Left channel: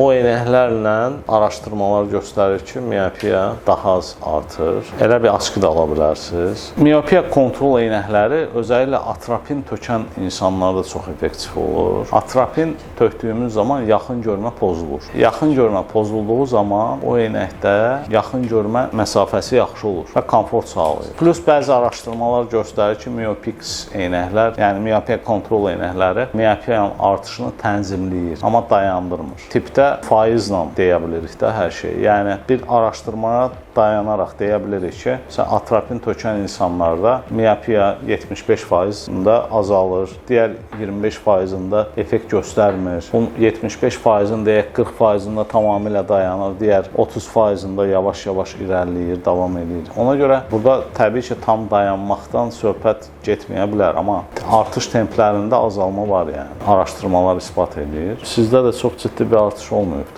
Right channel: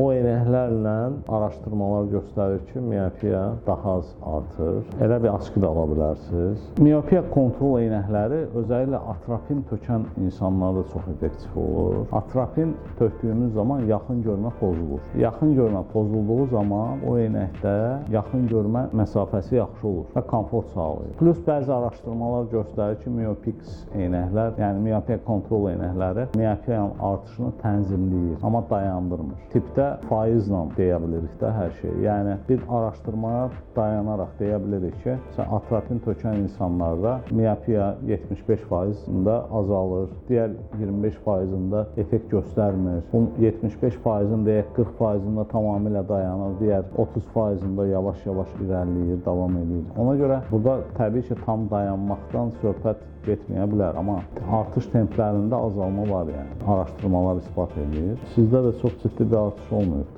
O eynəklərlə araşdırmalar göstərir ki, miopiya daha az artır. Elə bir askı da ala bilərsiniz. Miopiya kontrol eynəkləri özəlliklə atropin tökən insanlarda çox effektiv olur. Atropin tökdüyümüz zaman yaxın görmə pozulur. Yaxın görmə pozulduğu zaman o eynəkdə yaxın görmə məsafəsi yaxşı olur və komfort sağlayır. Plus bəzi araşdırmalar göstərir ki, miopix eynəklər, yəni miopiya kontrol eynəkləri miopiyanın artışını tənzimləyir, amma dayandırmır. Tipdə faizlə deyə bilirik də hər şeyi. Yəni bir araşdırmaya dayanaraq deyə bilirik ki, atropin tökən insanlarda miopiya 75%-ında azalır, digər 25%-ında effekt göstərmir. Bu 75%-in deyək 40%-ında tamamilə dayanır, digər 30%-ında yavaş-yavaş irəliləyir, davam edir. Ona görə burada təbii ki, tam dayanmaqdan söhbət getməyə bilər, amma artış templərində azalma var, yəni. Araşdırmalar isbat edir. Sizdə də çox ciddi bir artış olmayıbdır.